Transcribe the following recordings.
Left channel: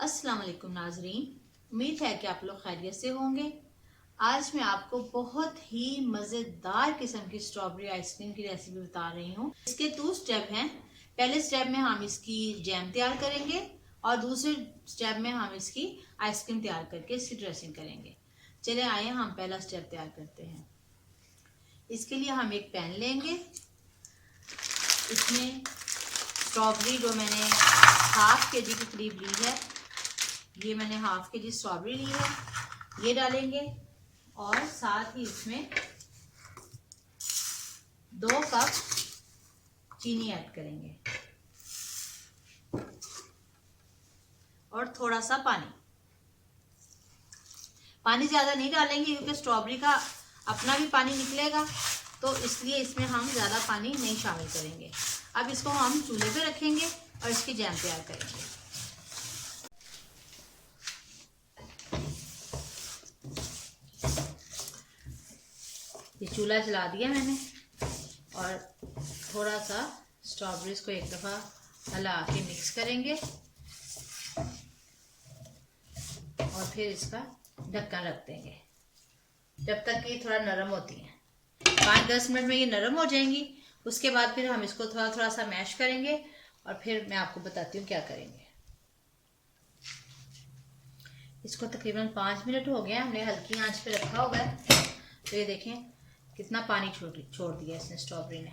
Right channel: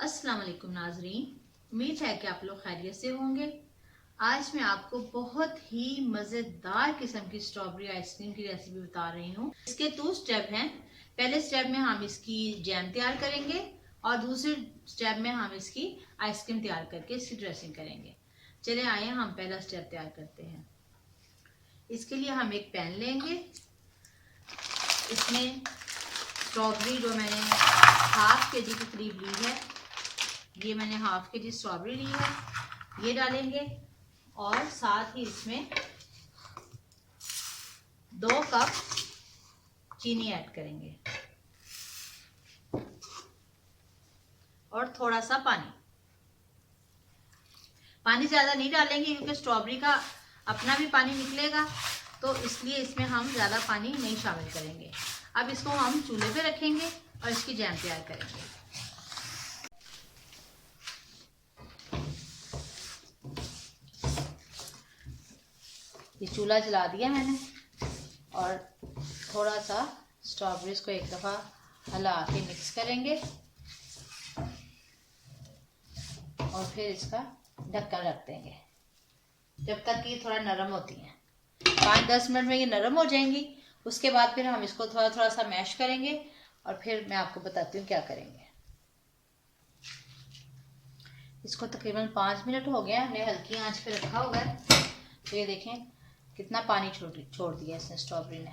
अस्सलाम वालेकुम नाजरीन, उम्मीद है कि आप लोग खैरियत से होंगे। आज मैं आपको बहुत ही मज़ेदार किस्म की स्ट्रॉबेरी आइसक्रीम की रेसिपी बता रही हूँ। इसके 2 स्टेप हैं। पहले स्टेप में हम इसकी जैम तैयार करेंगे और दूसरे स्टेप में हम इसकी आइसक्रीम तैयार करके इसकी ड्रेसिंग करेंगे। चले आइए हम पहला स्टेप तैयार करते हैं। इसके लिए हम एक पैन लेंगे। इसमें स्ट्रॉबेरी जो मैंने हाफ के जी के करीब ली है, ये मैंने हाफ के जी स्ट्रॉबेरी ली है, ये डालेंगे और साथ ही इसमें 2 कप चीनी ऐड करेंगे और थोड़ा सा पानी। पानी ज़्यादा नहीं डालेंगे क्योंकि स्ट्रॉबेरी का अपना भी पानी निकलेगा, तो इसलिए इसमें हम ज़्यादा पानी नहीं शामिल करेंगे। अब इसको हम चूल्हे पे रखेंगे और इसकी जैम तैयार करेंगे। ये चूल्हा जला दिया मैंने और थोड़ा सा स्ट्रॉबेरीज को एक दफ़ा हिला के मिक्स करेंगे और फिर इसका ढक्कन रख देंगे जब तक कि थोड़ा नरम होती हैं। 5-10 मिनट में ये नरम हो जाएंगी। उसके बाद फिर हम इसको थोड़ा थोड़ा सा मैश करेंगे और फिर मैं आपको बताती हूँ क्या करेंगे। इसको तकरीबन 5 मिनट हो गए, हमने हल्की आंच पे रखा हुआ है। तो ये देखें कितना पानी छोड़ दिया इसने स्ट्रॉबेरी ने।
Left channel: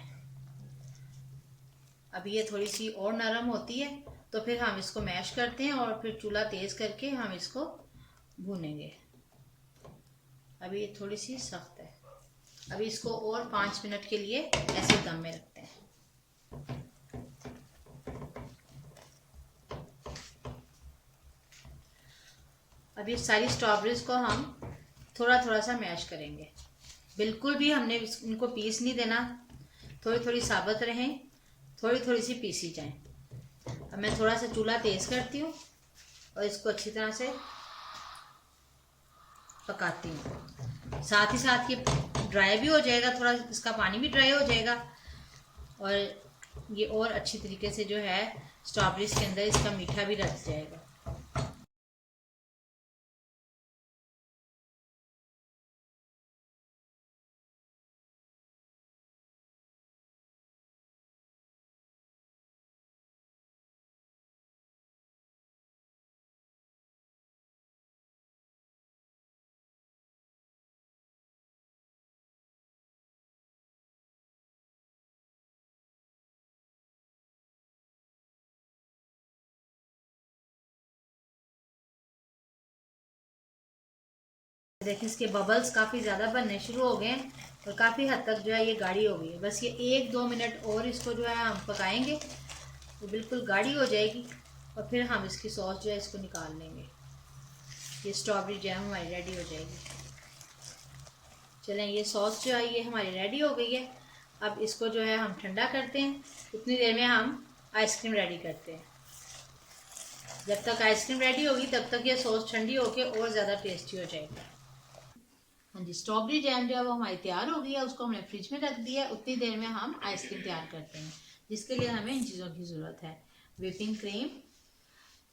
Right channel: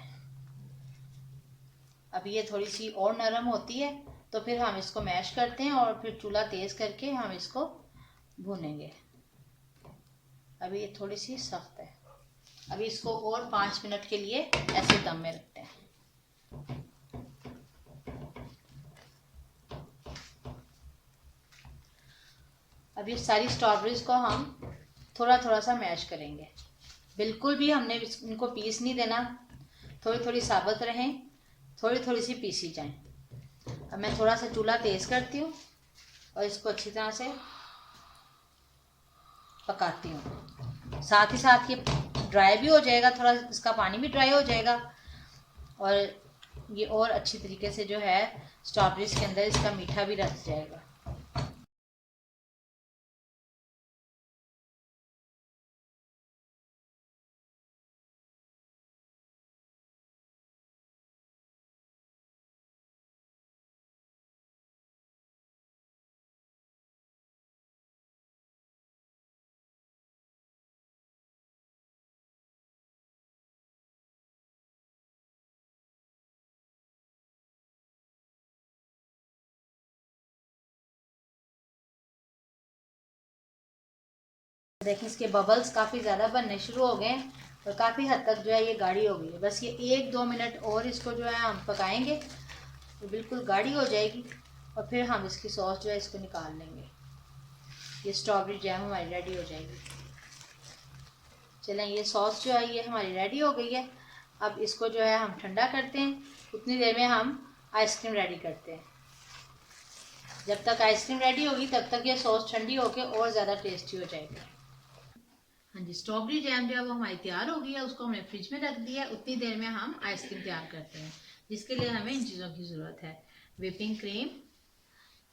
अब ये थोड़ी सी और नरम होती है तो फिर हम इसको मैश करते हैं और फिर चूल्हा तेज करके हम इसको भूनेंगे। अभी ये थोड़ी सी सख्त है। अभी इसको और 5 मिनट के लिए ऐसे दम में रखते हैं। अब ये सारी स्ट्रॉबेरीज को हम थोड़ा थोड़ा सा मैश करेंगे। बिल्कुल भी हमने इनको पीस नहीं देना, थोड़ी थोड़ी साबुत रहें, थोड़ी थोड़ी सी पीसी जाएं। अब मैं थोड़ा सा चूल्हा तेज करती हूँ और इसको अच्छी तरह से पकाती हूँ। साथ ही साथ ये ड्राई भी हो जाएगा, थोड़ा इसका पानी भी ड्राई हो जाएगा और ये और अच्छी तरीके से जो है स्ट्रॉबेरीज के अंदर इसका मीठा भी रच जाएगा। देखिए इसके बबल्स काफ़ी ज़्यादा बनने शुरू हो गए हैं और काफ़ी हद तक जो है ये गाढ़ी हो गई है। बस ये 1-2 मिनट और इसको जो है हम पकाएंगे तो बिल्कुल गाढ़ी हो जाएगी और फिर हम इसकी सॉस जो है इसको निकाल लेंगे। ये स्ट्रॉबेरी जैम हमारी रेडी हो जाएगी। चलें, ये सॉस जो है ये हमारी रेडी हो गई है। अब इसको जो है हम ठंडा करते हैं। उतनी देर में हम आइसक्रीम रेडी करते हैं। जब तक आइसक्रीम रेडी होगी तब तक ये सॉस ठंडी होकर और ज़्यादा टेस्टी हो जाएगी। हाँ जी, स्ट्रॉबेरी जैम जो है वो हमारी तैयार हो गई है। उसको हमने फ्रिज में रख दिया है। उतनी देर में हम आइसक्रीम तैयार करते हैं, जिसके लिए हमें इन चीज़ों की ज़रूरत है। Whipping cream,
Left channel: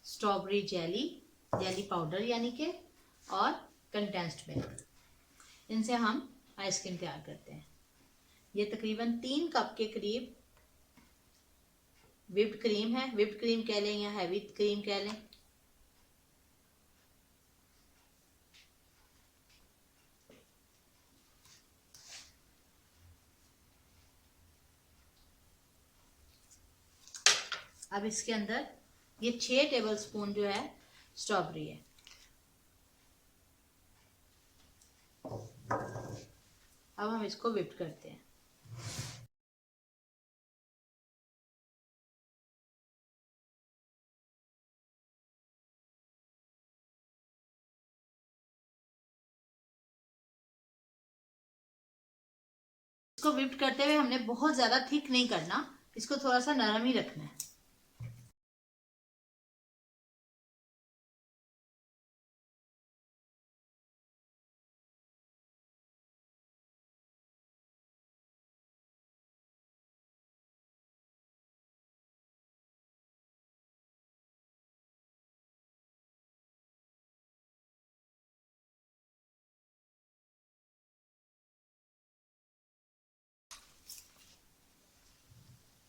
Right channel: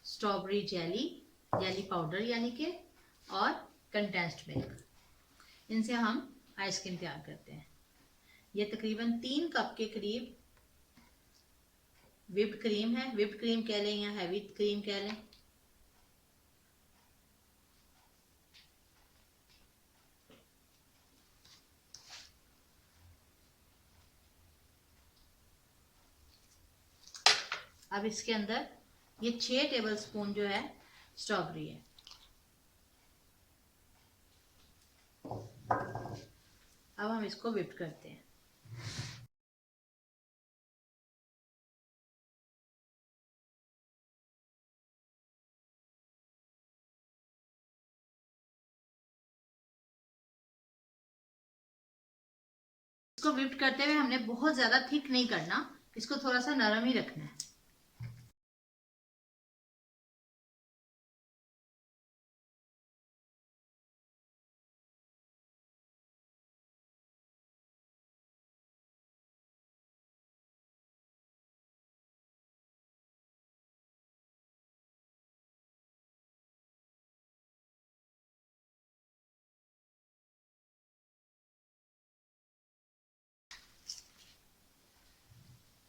strawberry jelly, jelly powder यानी कि, और कंडेंस्ड मिल्क। इनसे हम आइसक्रीम तैयार करते हैं। ये तकरीबन 3 कप के करीब व्हिप्ड क्रीम है। व्हिप्ड क्रीम कह लें या हैवी क्रीम कह लें। अब इसके अंदर ये 6 टेबल स्पून जो है स्ट्रॉबेरी है। अब हम इसको व्हिप करते हैं। इसको व्हिप करते हुए हमने बहुत ज़्यादा थिक नहीं करना, इसको थोड़ा सा नरम ही रखना है।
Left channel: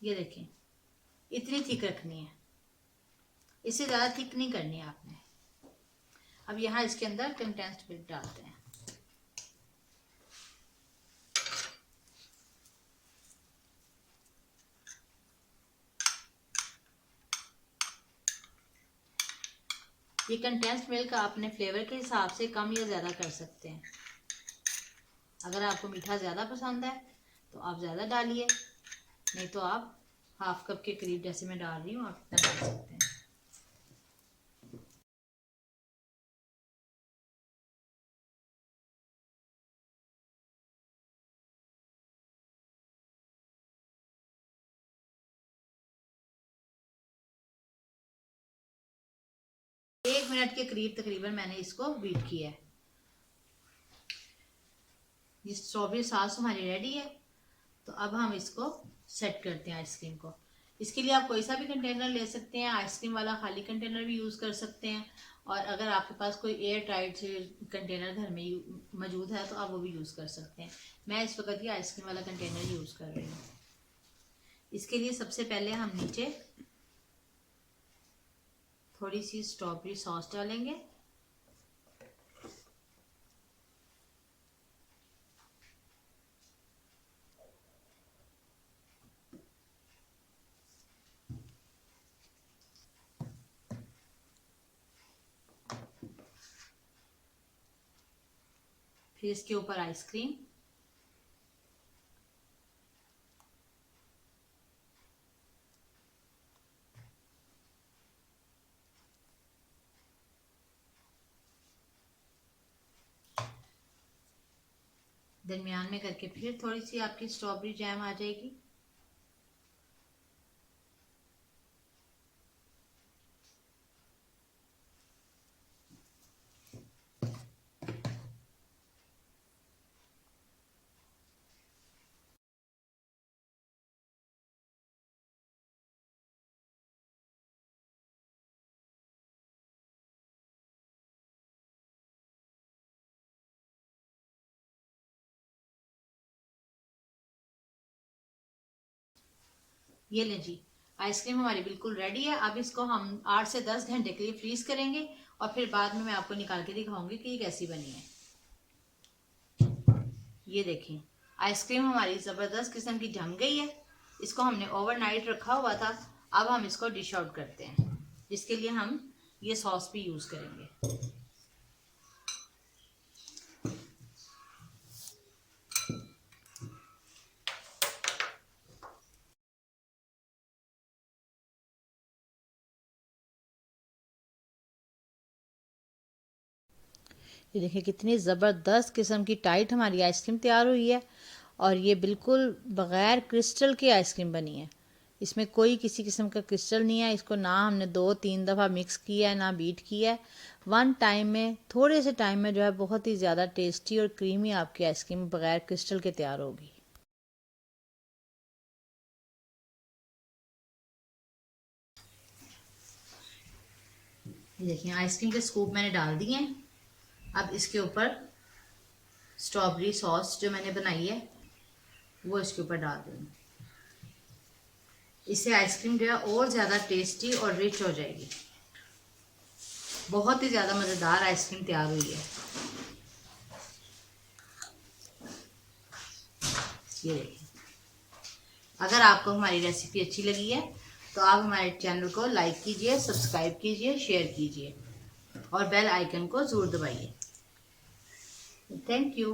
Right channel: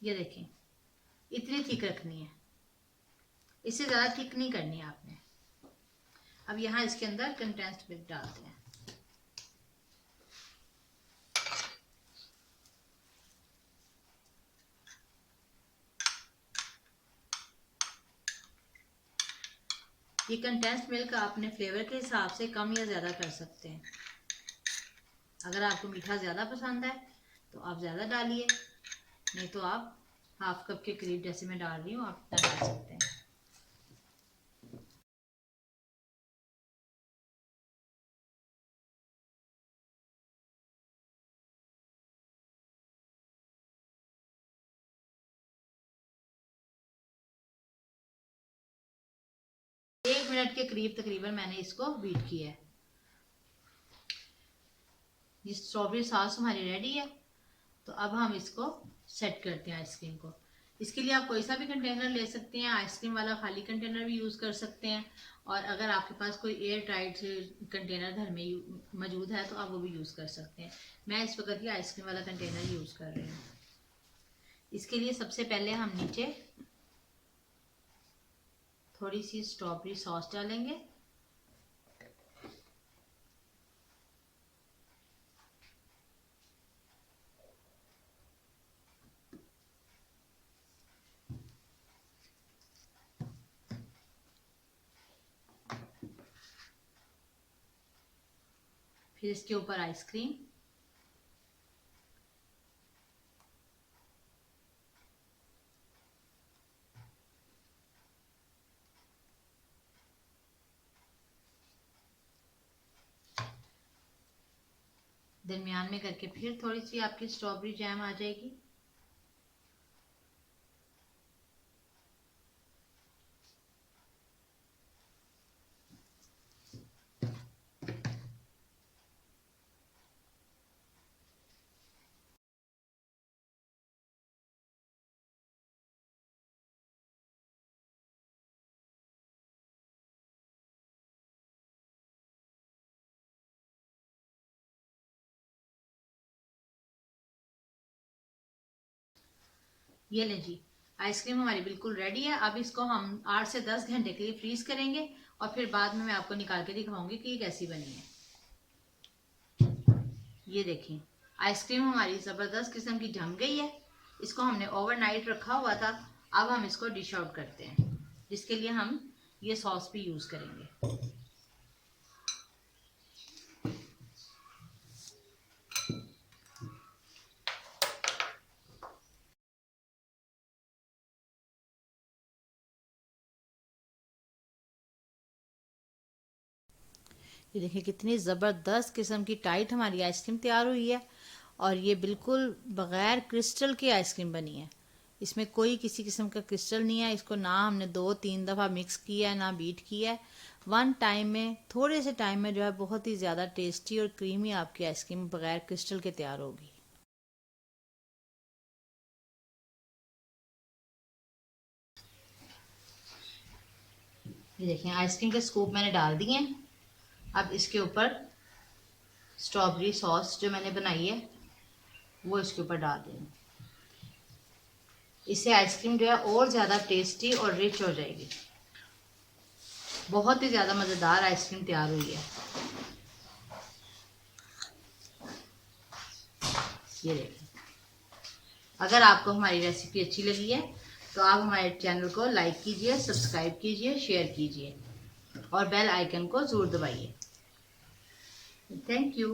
ये देखें, इतनी थिक रखनी है, इससे ज़्यादा थिक नहीं करनी है आपने। अब यहाँ इसके अंदर कंडेंस्ड मिल्क डालते हैं। ये कंडेंस्ड मिल्क आपने फ्लेवर के हिसाब से कम या ज़्यादा कर सकते हैं। अगर आपको मीठा ज़्यादा पसंद है तो आप ज़्यादा डालिए, नहीं तो आप हाफ कप के करीब जैसे मैं डाल रही हूँ आप इतना डाल सकते हैं। एक मिनट के करीब तकरीबन मैंने इसको बीट किया है। ये स्ट्रॉबेरी सॉस हमारी रेडी है। तो अब हम इसको सेट करते हैं आइसक्रीम को। इसके लिए आप कोई सा भी कंटेनर ले सकते हैं, आइसक्रीम वाला खाली कंटेनर भी यूज़ कर सकते हैं, और अगर आपके पास कोई एयर टाइट कंटेनर घर में मौजूद है तो आप वो भी यूज़ कर सकते हैं। मैं इस वक्त ये आइसक्रीम वाला कंटेनर यूज़ कर रही हूँ। इसके लिए सबसे पहले हम नीचे थोड़ी सी स्ट्रॉबेरी सॉस डालेंगे। फिर इसके ऊपर आइसक्रीम, दरमियान में करके फिर थोड़ी सी आपकी स्ट्रॉबेरी जैम आ जाएगी। ये लें जी, आइसक्रीम हमारी बिल्कुल रेडी है। अब इसको हम 8 से 10 घंटे के लिए फ्रीज करेंगे और फिर बाद में मैं आपको निकाल के दिखाऊंगी कि ये कैसी बनी है। ये देखें, आइसक्रीम हमारी ज़बरदस्त किस्म की जम गई है। इसको हमने ओवरनाइट रखा हुआ था। अब हम इसको डिश आउट करते हैं, जिसके लिए हम ये सॉस भी यूज़ करेंगे। ये देखिए कितनी ज़बरदस्त किस्म की टाइट हमारी आइसक्रीम तैयार हुई है, और ये बिल्कुल बग़ैर क्रिस्टल की आइसक्रीम बनी है। इसमें कोई किसी किस्म का क्रिस्टल नहीं है। इसको ना हमने 2-3 दफ़ा मिक्स किया है, ना बीट किया है। वन टाइम में, थोड़े से टाइम में जो है बहुत ही ज़्यादा टेस्टी और क्रीमी आपकी आइसक्रीम बग़ैर क्रिस्टल के तैयार होगी। ये देखिए, आइसक्रीम के स्कूप मैंने डाल दिए हैं। अब इसके ऊपर स्ट्रॉबेरी सॉस जो मैंने बनाई है वो इसके ऊपर डाल दूँगी। इससे आइसक्रीम जो है और ज़्यादा टेस्टी और रिच हो जाएगी। बहुत ही ज़्यादा मज़ेदार आइसक्रीम तैयार हुई है। ये देखिए, अगर आपको हमारी रेसिपी अच्छी लगी है तो आप हमारे चैनल को लाइक कीजिए, सब्सक्राइब कीजिए, शेयर कीजिए और बेल आइकन को ज़रूर दबाइए। Thank you.